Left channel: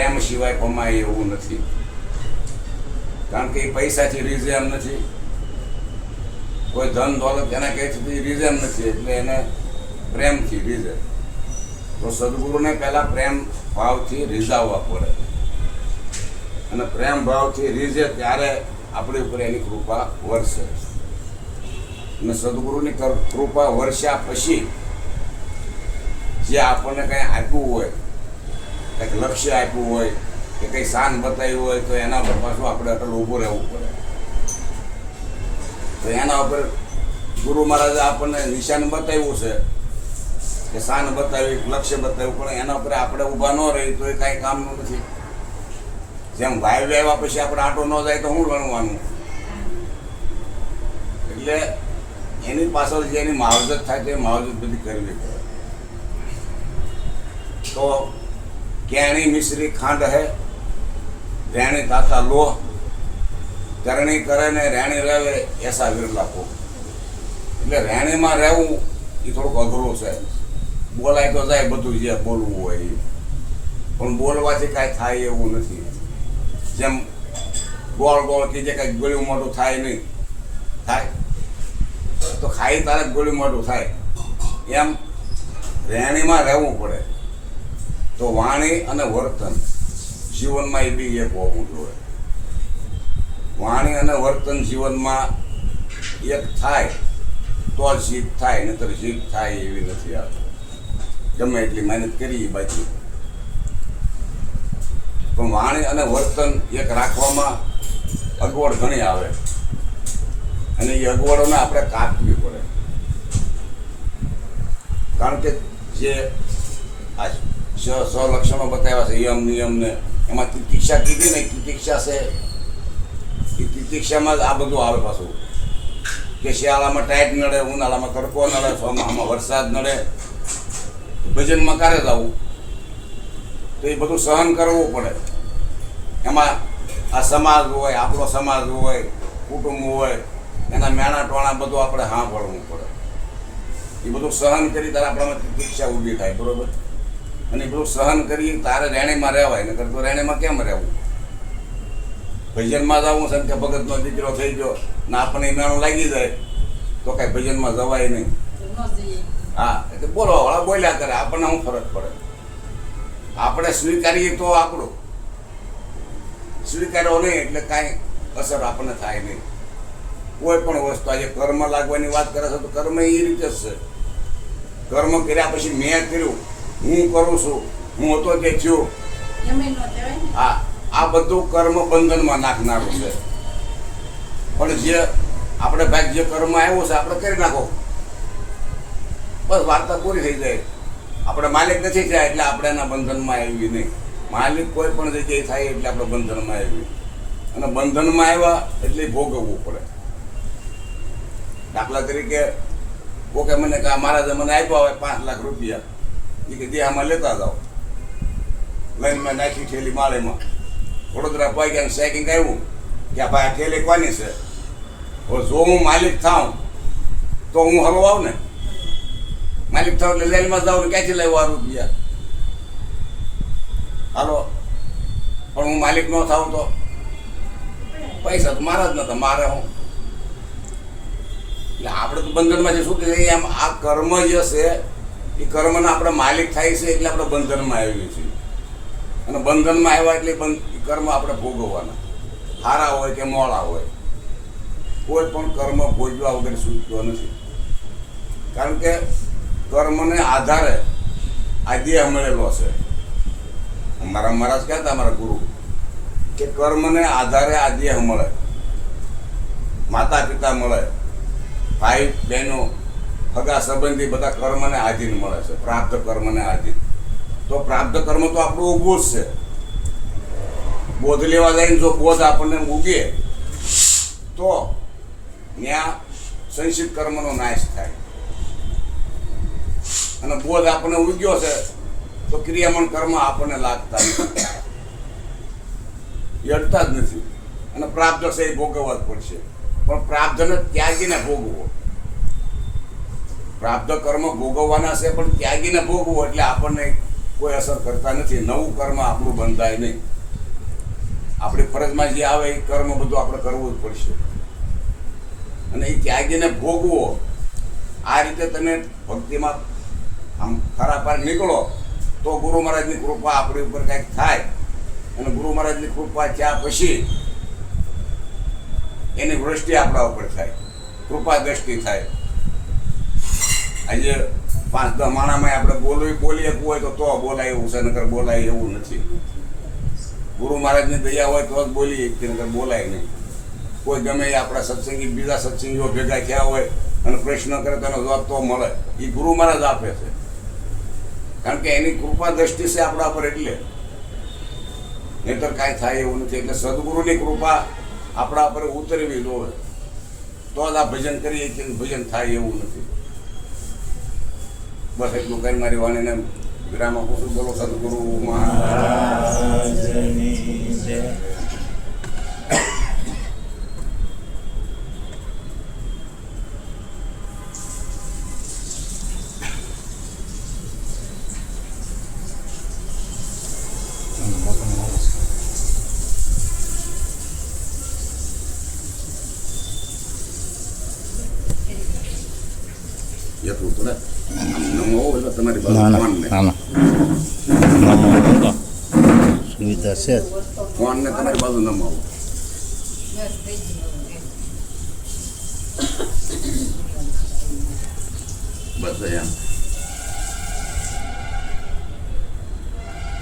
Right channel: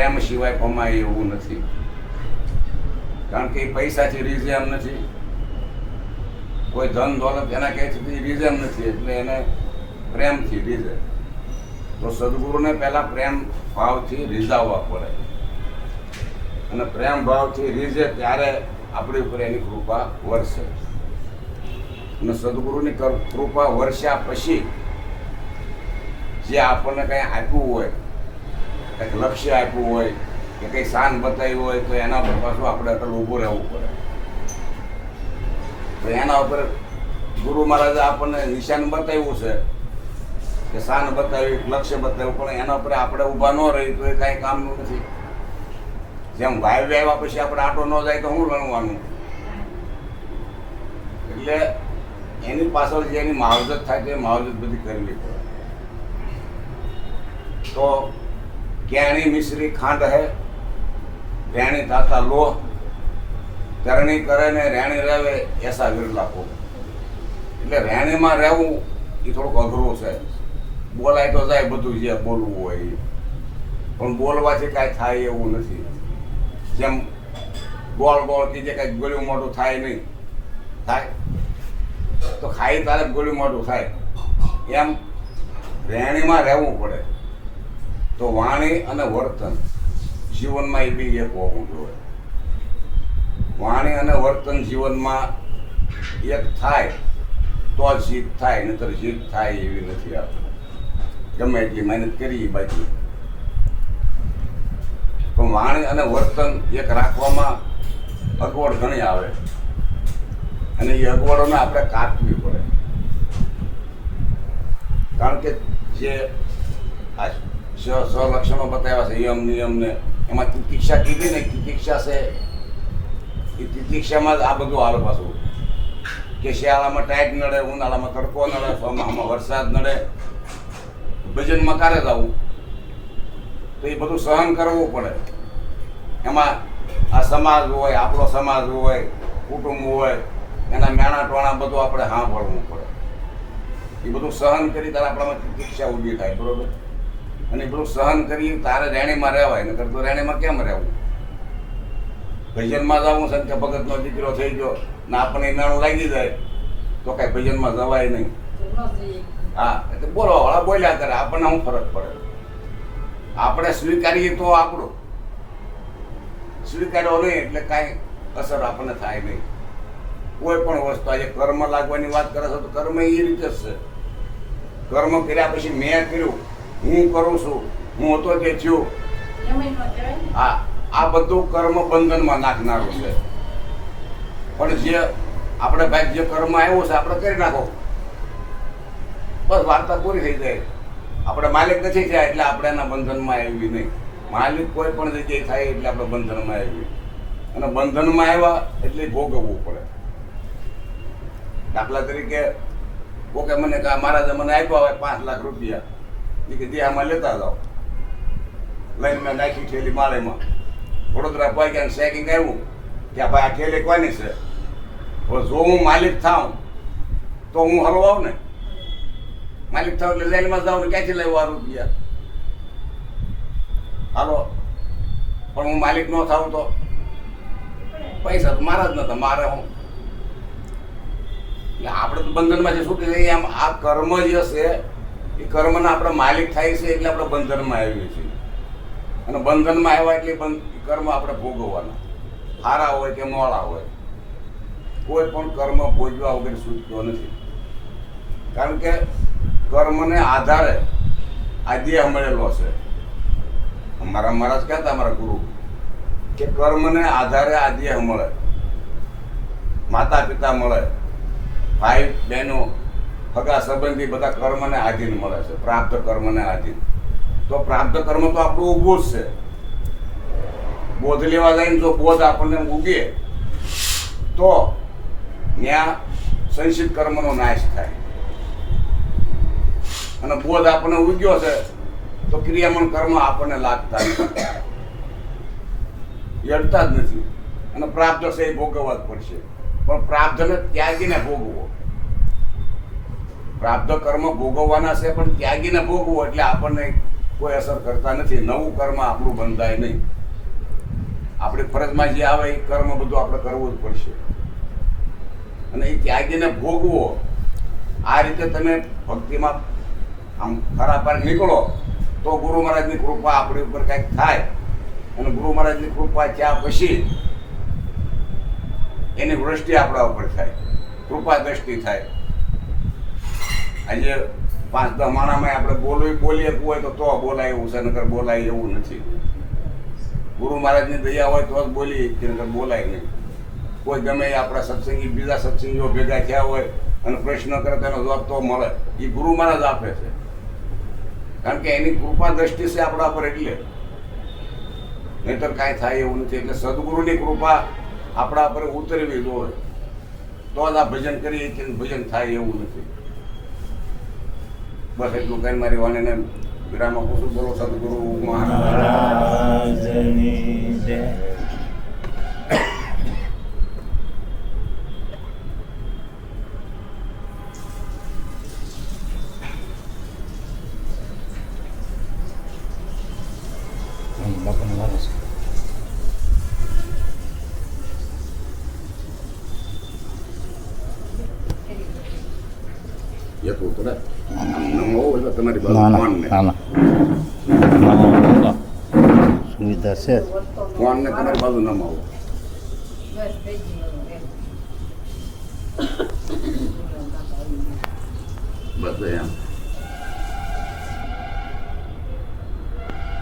પ્રેમ સિવાય કમાય એવું નથી, કારણ કે એ પૈસાથી રીઝે એમ નથી, કોઈ ધન દોલત એના કહે છે રીઝે એમ નથી, એટલે એને પ્રેમથી રીઝે. તો સદગુરુને પહેલા પ્રેમ ભાવથી રીઝાવવા પડે, અને પ્રેમ ભાવથી રીઝે ત્યારે આપણી ઉપર એની કૃપા વરસે. અને સદગુરુની કૃપા વર્ષા પછી જે આપણને કંઈ આપ્યું હોય, કંઈક લક્ષ્ય આપ્યું હોય કે કંઈ શાન બતાવ્યું હોય, તો એના ઉપર પાછું આપણે અટલ ઊભું રહેવું પડે. તો એના ઉપર ગુરુ મહારાજે આપણને નિશાન બતાવ્યું છે કે શાન બતાવી, લક્ષ્ય બતાવ્યું, પણ એના ઉપર આપણે ઊભા ન રહી તો એ કાંઈ કામનું નથી. જેમ વાયુ આવ્યા પછી આપણે આટો ન જાય તો શું લણવાનું? એટલે એની પાછળ જે એની માવજત થાય તો એ માવજત બધી કરવી પડે. તો કેણી મિશ્રી ખાંડ હે, રેણી તાતા લો, કરણી કરે ને રેણી રહેવે એસા વિરલા કો. એટલે રેણીમાં રહેવું એ થોડુંક અઘરું છે. બોલાય તો જાય બધું જે બોલવું હોય એ, પણ બોલવાથી કાંઈ થાય એવું નથી. જેમ ગોળ ગોળ કે જે કાંઈ ગોળ્યું મોટું થાય નહીં, થાય તો ખાઈ તારે ગોળ્યું મોટું થાય, એમ રેણીમાં રહેવું પડે. તો વાણી અને વર્તન જીવનમાં એ બી એક હોવું જોઈએ. વાણી અને વર્તન જીવનમાં એક થાય તો જીત થાય, નહીતર જીત થાય એવી નથી. આપણે ગમે એટલી મહેનત કરી બાકી, પણ વાણી અને વર્તન એક રાખવામાં અગવડ ઘણી આવે, અને એ અગવડોને આપણે કાપવી પડે. કારણ કે જે આ લક્ષણો બતાવ્યા છે યમ નિયમ ને, એમાં તિતિક્ષા કીધી ને, તિતિક્ષા છે એ તિતિક્ષામાં જ આ બધું આવે પાછું. કે શિયાળામાં ટાઈટ નડે, ઉનાળામાં તડકો નડે, ચોમાસામાં વરસાદ નડે, ભજનમાં કારે જવું, તો એ બધું સહન કરવું પડે. એમાં આ સમાજ હોય, આપણો સમાજ હોય, કુટુંબ હોય, એના મેણા ટોણા બધું આપણે સાંભળવું પડે. એ બધું સહન કરી તારે આપણામાં તિતિક્ષા ઊભી થાય, બરોબર? અને એ બધું સહન કરી તારે રેણીમાં રહેવાય, નકર તો રેણીમાં કેમ રહેવું? ભજનમાં જવું છે કે ભગતનો દીકરો થઈ ગયો ને આપણને નાણું લાગી જાય તો કાંઈ ભજનમાં જવાય નહીં. હા, એટલે બોલવા વાળા બોલ્યા કરે, આપણને શું ફરક પડે? આપણે સ્વીકારીએ તો આપણું, સ્વીકાર્યો નહીં એટલે કાંઈ અસર આપણને થાય નહીં. કોઈ પણ વસ્તુ આજે કર્મ લાગવાની વાત કરે છે તો કર્મ એ રીતે જ છે. કર્મ કર્યા પછી મેં કર્યું, હું કરું છું, હું હતો તે થયું, હા, આ બધું કર્મ બંધનમાં નાખનારું છે. પણ જે આપણે ભાઈ જે કર્મ આવ્યો છે આપણે કરી નાખો, બસ વાર્તા પૂરી થઈ જાય. આપણે માલિક નથી થયા એટલે આપણે એના બંધનમાં આવી નહીં. માલિક કોઈ પણ જગ્યાએ થાય એટલે આપણે બંધનમાં આવી, અને બંધનમાં આવ્યા એટલે ભોગવવું પડે. દાખલા તરીકે કોકે મને કહે મહારાજે મને આપ્યા હોય 5 લાખ રૂપિયા, એ કે દેહામાં લેતા જાઓ. લઈને મેં નાખી થેલી માળેમાં, વડોદરા પહોંચ્યા, ચેકિંગ આવ્યું કે ભાઈ આ થેલી કોની છે. હવે જો હું માલિક થાઉં તો હું હલવાઉં ને, માલિક થાવ એટલે જેલમાં જાઉં ને ક્યાંથી લાવ્યો આ રૂપિયા? હાલો, પણ હું માલિક ન થાઉં તો પૈસા તો મારા જ નતા, મારે હું. એટલે આપણે તો બંધનમાંથી છૂટી જઈએ. આમ આ કર્મ જે છે એ કર્મના આપણે માલિક થાય છે એટલે આપણે બંધનમાં આવીએ છીએ, અને બંધનમાં આવ્યા એટલે કર્મ આપણે ભોગવવાના, સારા હોય કે મોડા હોય. કોઈ પણ કર્મ ભોગવ્યા વગર છૂટતો નથી, કારણ કે કર્મને આધારે આ દેહ મળેલો છે. અમારા મહારાજ કહેતા, અમારા ગુરુ, કે કર્મને આધારે આ દેહ મળે, માતા પિતા મળે, ભાઈ બહેનો, સગા સંબંધી બધા કર્મને આધીન મળે છે, પ્રાપ્ત કર્મને આધીન. તો પ્રાપ્ત કર્મ તો આપણું ઊભું જ છે. બોધ લેવા જઈને જો બોધ આપણને ઉગે તો ત્યાં સંચિત કર્મનો નાશ થાય, અને બોધ આપણને ઉગ્યો છે તો ક્રિયામણ કર્મ આપણને લાગતા નથી, અડતા જ નથી. અને પ્રાપ્ત છે એ ભોગવવા જ પડશે, પણ પ્રાપ્તને ત્યાગીને ભોગવો. પ્રાપ્ત કર્મ ભોગવવાના છે પણ ત્યાગીને ભોગવો એટલે આપણને કોઈ અસર કરતા નથી. નવું કર્મ આપણું બંધાય નહીં. આપણી ફરજમાં જે આવે એ કર્મ બધું આપણે કરવું જ પડશે અને એ ત્યાગીને ભોગવો. આ રીતે તમે ભક્તિમાં આમ ખરા પાર નીકળો તો ગુરુ મહારાજની કૃપા આપણી ઉપર કંઈક થાય અને ગુરુ મહારાજની કૃપા થયા પછી એની વૃષ્ટિ આપણા ઉપર થાય, કૃપા દ્રષ્ટિ થાય. આજે 5-10 માણામાં આપણે બોલીએ હોય તો બોલાય એવું છે, નકર બોલાય એવું નથી. ગુરુ મહારાજની દયા હોય તો જ બોલીએ, નકર બોલાય નહીં. કોઈ ગમે એ આપણા સત્સંગી બીજા સત્સંગીઓ ભેગા થયા હોય અને પ્રશ્ન કરે તો એનો જવાબ તો મળે. એ ગુરુ મહારાજ આપે છે, કારણ કે એની કૃપા દ્રષ્ટિ છે આપણા પર, એટલે નહીતર કાંઈ થાય એવું નથી. એટલે સદગુરુની કૃપા આપણા પર ઉતરવી જોઈએ તો જ આ ભજન કરીએ કે ભજન થાય એવું નથી. બસ એટલું કઈ મારી વાણીને વિરામ આપું છું. બોલો સદગુરુ મહારાજની જય. એટલું તો નમો એટલે તમારી સુવિધા છે ફોનને તમારી બાજુ નમાવો. બસ એમ